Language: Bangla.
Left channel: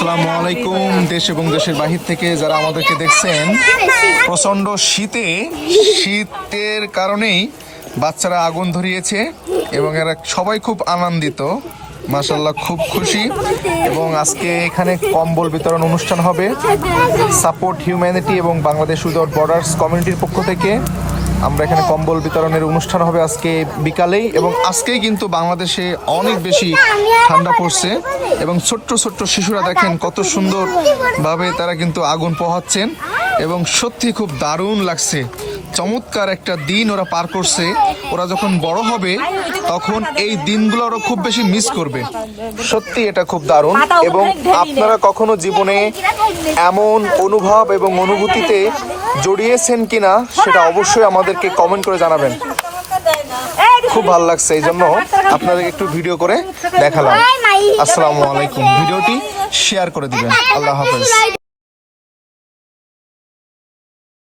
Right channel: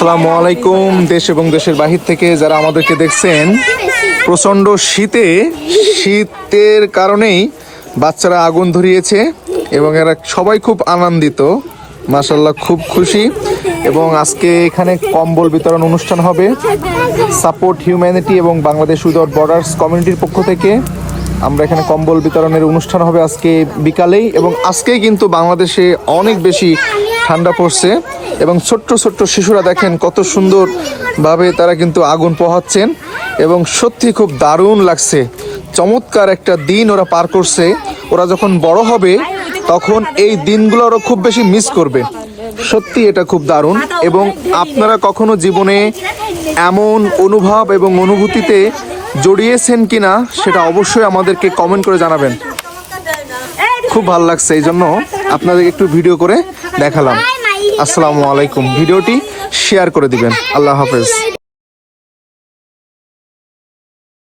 আসসালামু আলাইকুম। দেশ এবং দেশের বাহির থেকে যারা আমাদেরকে দেখছেন, প্রচন্ড শীতের কারণেই বাচ্চারা আগুন ধরিয়েছে এবং এরা সবাই খুব আনন্দিত, মাশাআল্লাহ খুব খুশি। এবং আজকে এখানে কম্বল বিতরণ অনুষ্ঠান হবে সাপোর্ট হিউম্যানিটি এবং বাংলাদেশ উইদাউট বর্ডার্স কমিউনিটির পক্ষ থেকে। আমরা এখানে কম্বল বিতরণের অনুষ্ঠান হবে আজকে বিকালেই। এবং আজকেই কিন্তু বাংলাদেশে অনেক বেশি ঠান্ডা পড়ছে এবং ছোট্ট ছোট্ট শিশুরা দেখেন কত সুন্দরভাবে তারা কিন্তু আগুন পোহাচ্ছেন এবং সত্যি খুব দারুণ লাগছে। চমৎকার একটা দিন ওরা পার করছে। ওরা যখন বড় হবে তখন এই দিনগুলো ওরা খুব বেশি মিস করবে। সত্যি এটা খুব দারুণ। এবং আপনারা কখনো জীবনে এমন অনুভব এবং অনুভূতিতে জড়িয়েছেন কিনা সেটা অবশ্যই আমাদেরকে কমেন্ট করে জানাবেন। খুব ভালো লাগছে, এই জন্য আপনাদের একটু ভিডিও করে দেখালাম। আসসালামু আলাইকুম। ভিডিওটি শেয়ার করে দিবেন। আল্লাহ হাফেজ।